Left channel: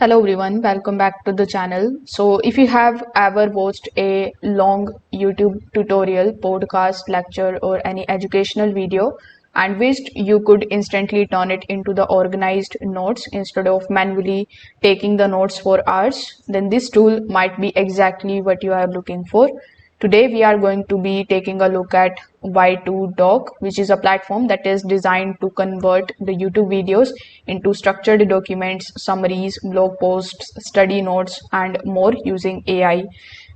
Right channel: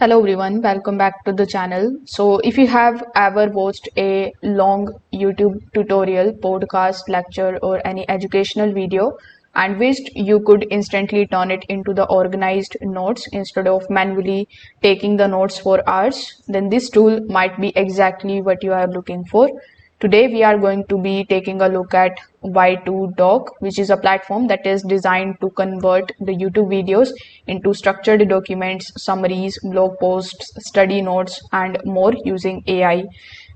Hello everyone, welcome back to the channel. So if you have ever watched a long YouTube tutorial, podcast, lecture or any educational video and wished you could instantly turn it into the organized notes instead of manually taking the notes for hours, then this tool might be exactly what you are looking for. Today we are going to be taking a look at Y2Doc, which is a platform that is designed to convert the YouTube videos into structured documents, summaries, blog posts, study notes, and more using AI.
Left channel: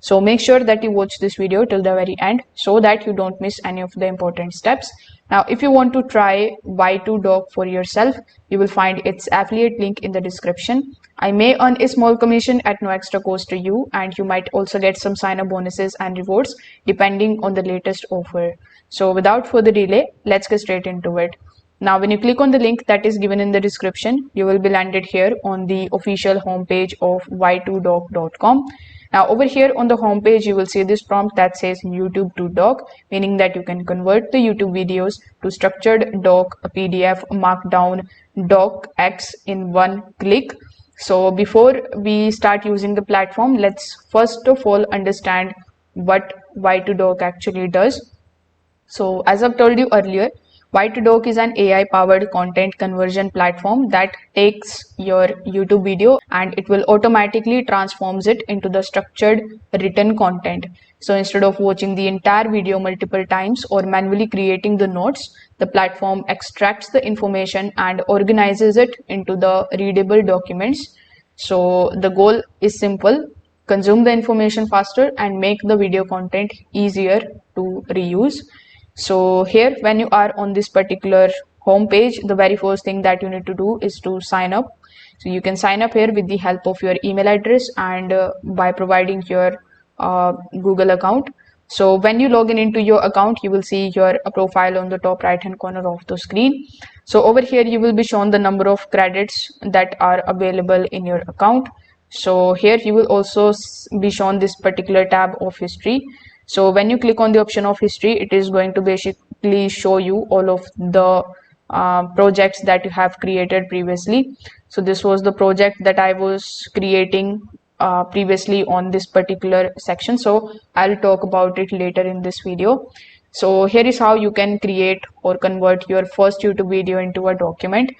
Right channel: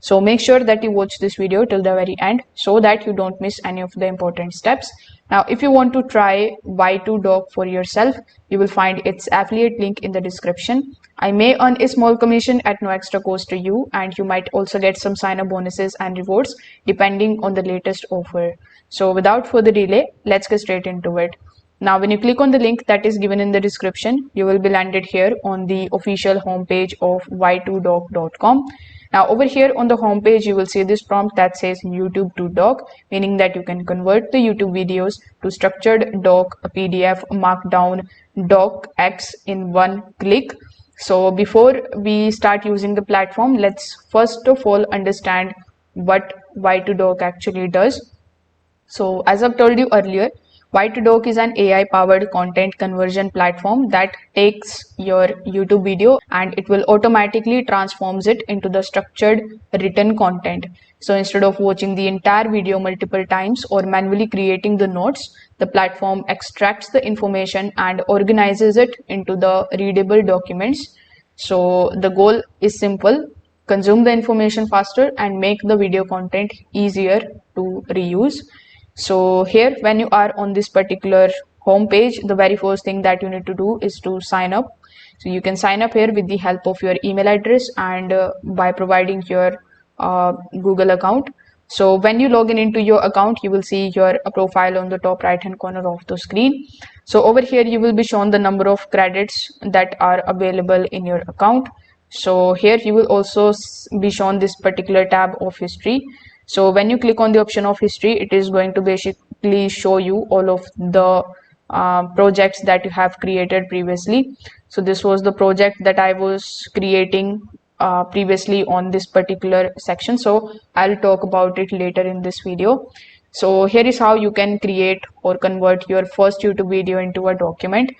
So make sure that you watch this video till the very end so that you don't miss any of the important steps. Now, if you want to try Y2Doc for yourself, you will find its affiliate link in the description. I may earn a small commission at no extra cost to you, and you might also get some sign up bonuses and rewards depending on the latest offer. So, without further delay, let's get straight into it. Now, when you click on the link that is given in the description, you will be landed here on the official homepage of y2doc.com. Now, over here on the homepage, you will see this prompt that says YouTube to doc, meaning that you can convert the YouTube videos to structured doc, a PDF, Markdown, docx in one click. So before we start using the platform, let's first of all understand what Y2Doc actually does. So as I've told you earlier, Y2Doc is an AI powered content conversion platform that takes your YouTube video and it will automatically transforms it into the structured written content. So instead of watching the entire video multiple times or manually creating the notes, the platform extracts the information and organizes it into the readable documents. So the goal is simple: consume the information faster and make the video content easier to reuse. So here, when you are on this particular home page, the very first thing that you need to do is to sign up. So you can sign up here with the help of your email address and by providing your Google account. So when you log in into your account, you will see your profile on the top right hand corner of the screen. So over here, you will be shown the number of credits that are available in your account. So here you will also be shown this particular tab of history. So when you click on the option of history, it is going to basically show you all of the projects that you have created previously. So this was the project that I was creating previously on this particular section. So I'll talk about it later in this video. So here is how you can create or convert your first YouTube video into a document.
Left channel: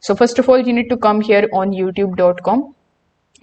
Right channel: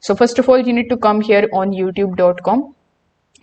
So first of all, you need to come here on youtube.com.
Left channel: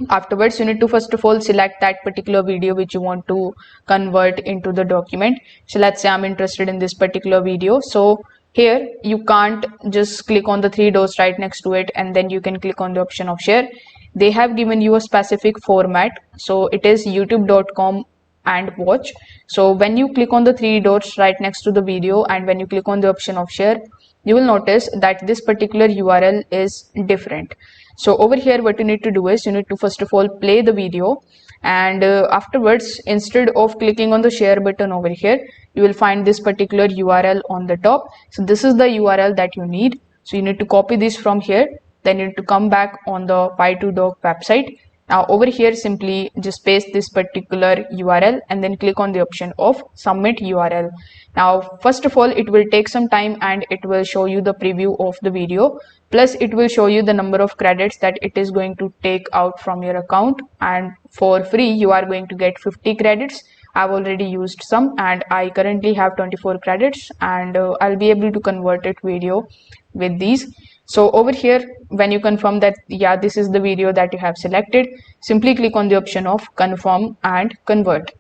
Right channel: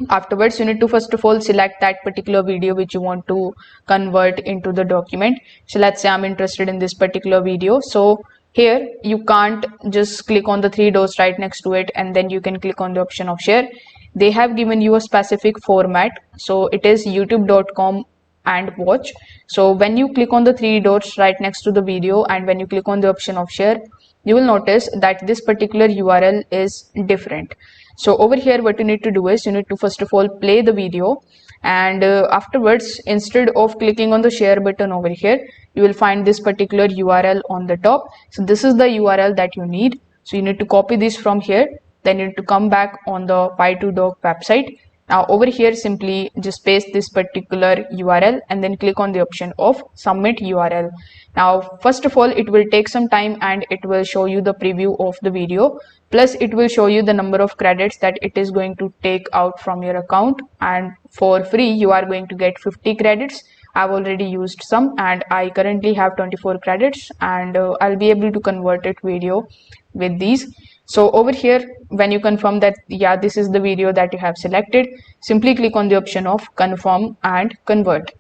Afterwards, you need to first of all select that particular video which you want to convert into the document. So let's say I'm interested in this particular video. So here you can't just click on the three dots right next to it and then you can click on the option of share. They have given you a specific format. So it is youtube.com and watch. So when you click on the three dots right next to the video and when you click on the option of share, you will notice that this particular URL is different. So over here, what you need to do is you need to first of all play the video, and afterwards, instead of clicking on the share button over here, you will find this particular URL on the top. So this is the URL that you need. So you need to copy this from here. Then you need to come back on the Y2Doc website. Now over here, simply just paste this particular URL and then click on the option of submit URL. Now, first of all, it will take some time and it will show you the preview of the video. Plus, it will show you the number of credits that it is going to take out from your account. And for free, you are going to get 50 credits. I've already used some and I currently have 24 credits and I'll be able to convert it video with these. So over here, when you confirm that, yeah, this is the video that you have selected, simply click on the option of confirm and convert.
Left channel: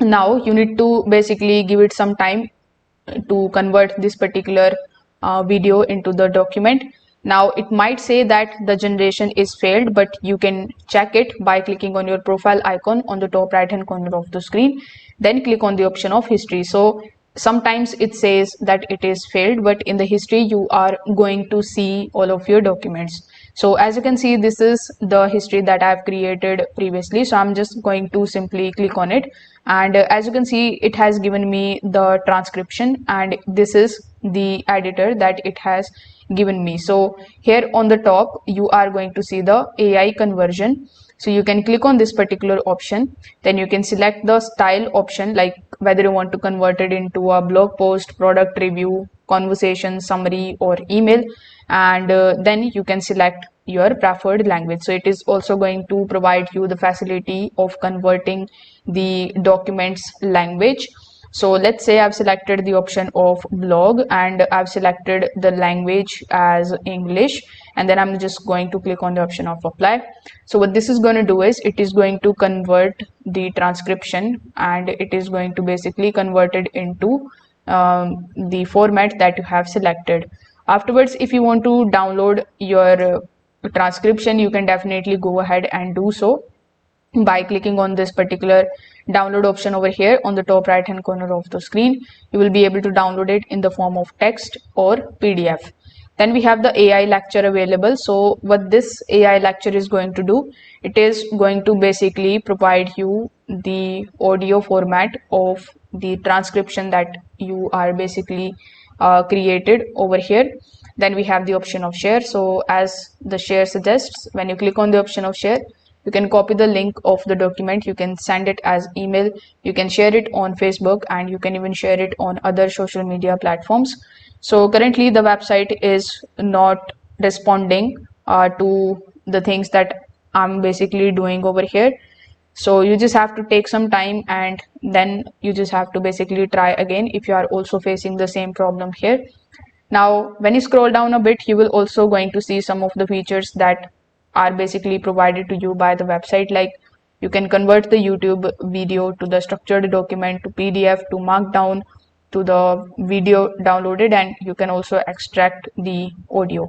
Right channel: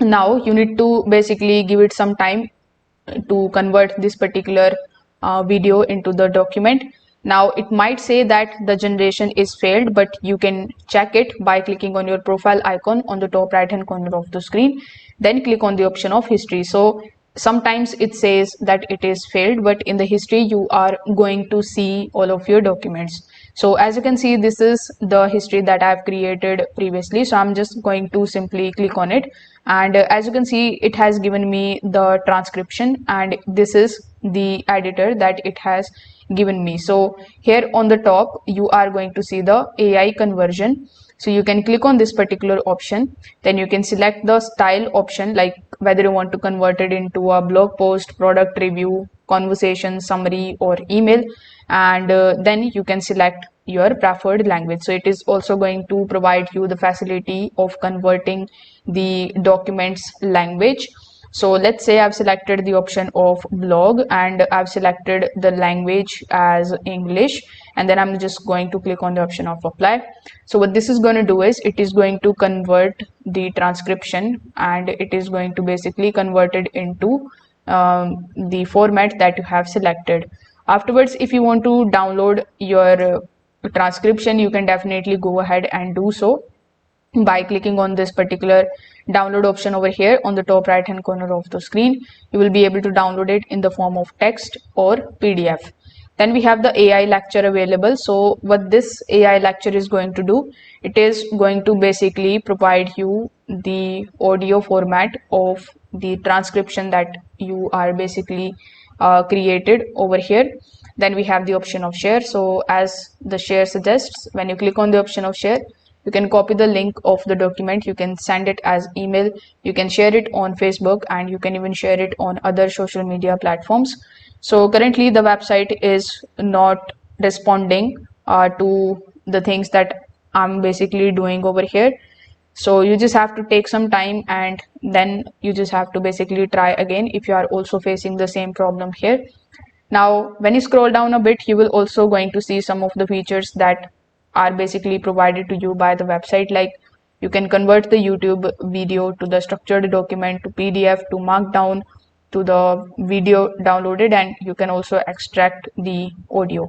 Now you need to basically give it some time to convert this particular video into the document. Now it might say that the generation is failed, but you can check it by clicking on your profile icon on the top right hand corner of the screen. Then click on the option of history. So sometimes it says that it is failed, but in the history you are going to see all of your documents. So as you can see, this is the history that I've created previously. So I'm just going to simply click on it. And as you can see, it has given me the transcription and this is the editor that it has given me. So here on the top, you are going to see the AI conversion. So you can click on this particular option. Then you can select the style option, like whether you want to convert it into a blog post, product review, conversation, summary, or email. And then you can select your preferred language. So it is also going to provide you the facility of converting the documents language. So let's say I've selected the option of blog and I've selected the language as English, and then I'm just going to click on the option of apply. So what this is going to do is it is going to convert the transcription, and it is going to basically convert it into the format that you have selected. Afterwards, if you want to download your transcription, you can definitely go ahead and do so by clicking on this particular download option over here on the top right hand corner of the screen. You will be able to download it in the form of text or PDF. Then we have the AI lecture available. So what this AI lecture is going to do, it is going to basically provide you the audio format of the transcription that you are basically created over here. Then we have the option of share. So as the share suggests, when you click on the option of share, you can copy the link of the document, you can send it as email, you can share it on Facebook, and you can even share it on other social media platforms. So currently the website is not responding to the things that I'm basically doing over here. So you just have to take some time, and then you just have to basically try again if you are also facing the same problem here. Now, when you scroll down a bit, you will also going to see some of the features that are basically provided to you by the website. Like you can convert the YouTube video to the structured document, to PDF, to Markdown, to the video downloaded, and you can also extract the audio.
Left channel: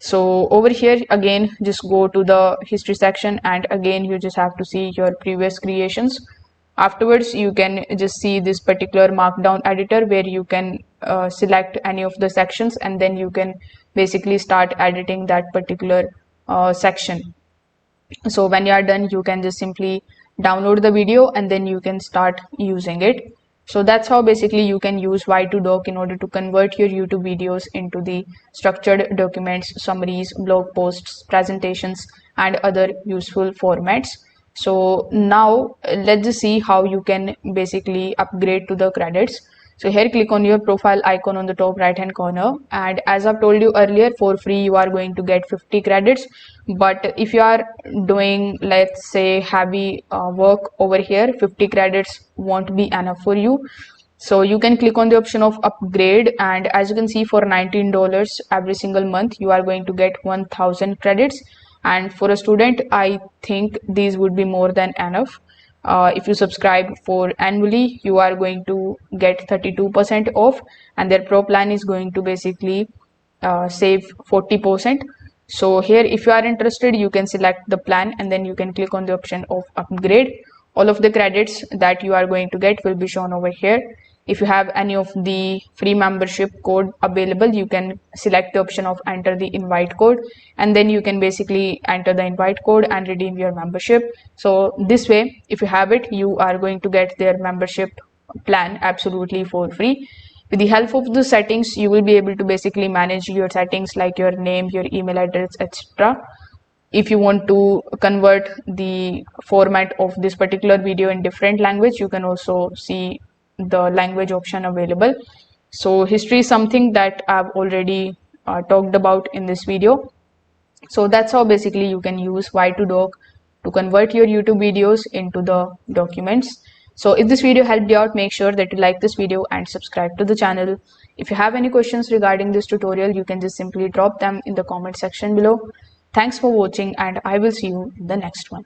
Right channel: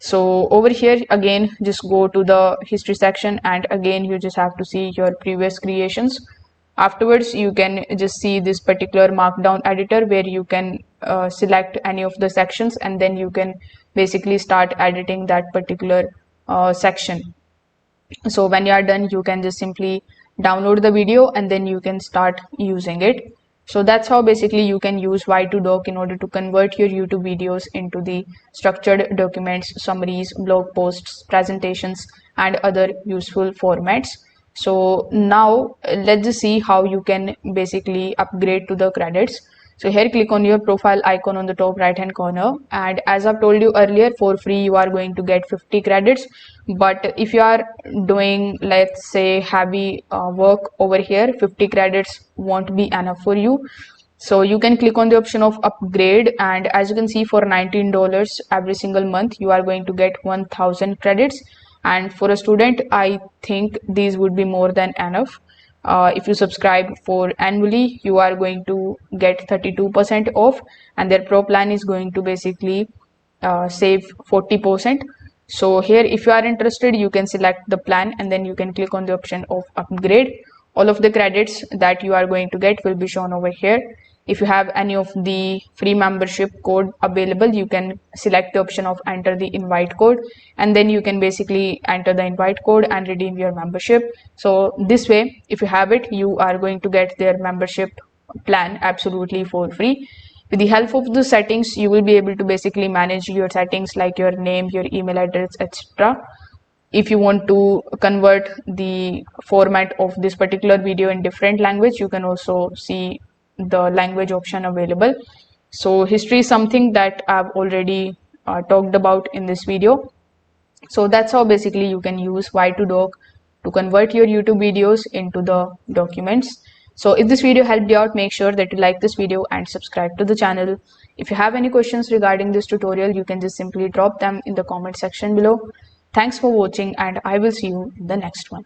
So over here again, just go to the history section, and again you just have to see your previous creations. Afterwards, you can just see this particular markdown editor where you can select any of the sections, and then you can basically start editing that particular section. So when you are done, you can just simply download the video and then you can start using it. So that's how basically you can use Y2Doc in order to convert your YouTube videos into the structured documents, summaries, blog posts, presentations, and other useful formats. So now let's just see how you can basically upgrade to the credits. So here click on your profile icon on the top right hand corner, and as I've told you earlier, for free you are going to get 50 credits. But if you are doing, let's say, heavy work over here, 50 credits won't be enough for you. So you can click on the option of upgrade, and as you can see, for $19 every single month you are going to get 1000 credits, and for a student I think these would be more than enough. If you subscribe for annually, you are going to get 32% off, and their pro plan is going to basically save 40%. So here, if you are interested, you can select the plan and then you can click on the option of upgrade. All of the credits that you are going to get will be shown over here. If you have any of the free membership code available, you can select the option of enter the invite code, and then you can basically enter the invite code and redeem your membership. So this way, if you have it, you are going to get their membership plan absolutely for free. With the help of the settings, you will be able to basically manage your settings like your name, your email address, etc. If you want to convert the format of this particular video in different language, you can also see the language option available. So history is something that I've already talked about in this video. So that's how basically you can use Y2Doc to convert your YouTube videos into the documents. So if this video helped you out, make sure that you like this video and subscribe to the channel. If you have any questions regarding this tutorial, you can just simply drop them in the comment section below. Thanks for watching, and I will see you in the next one.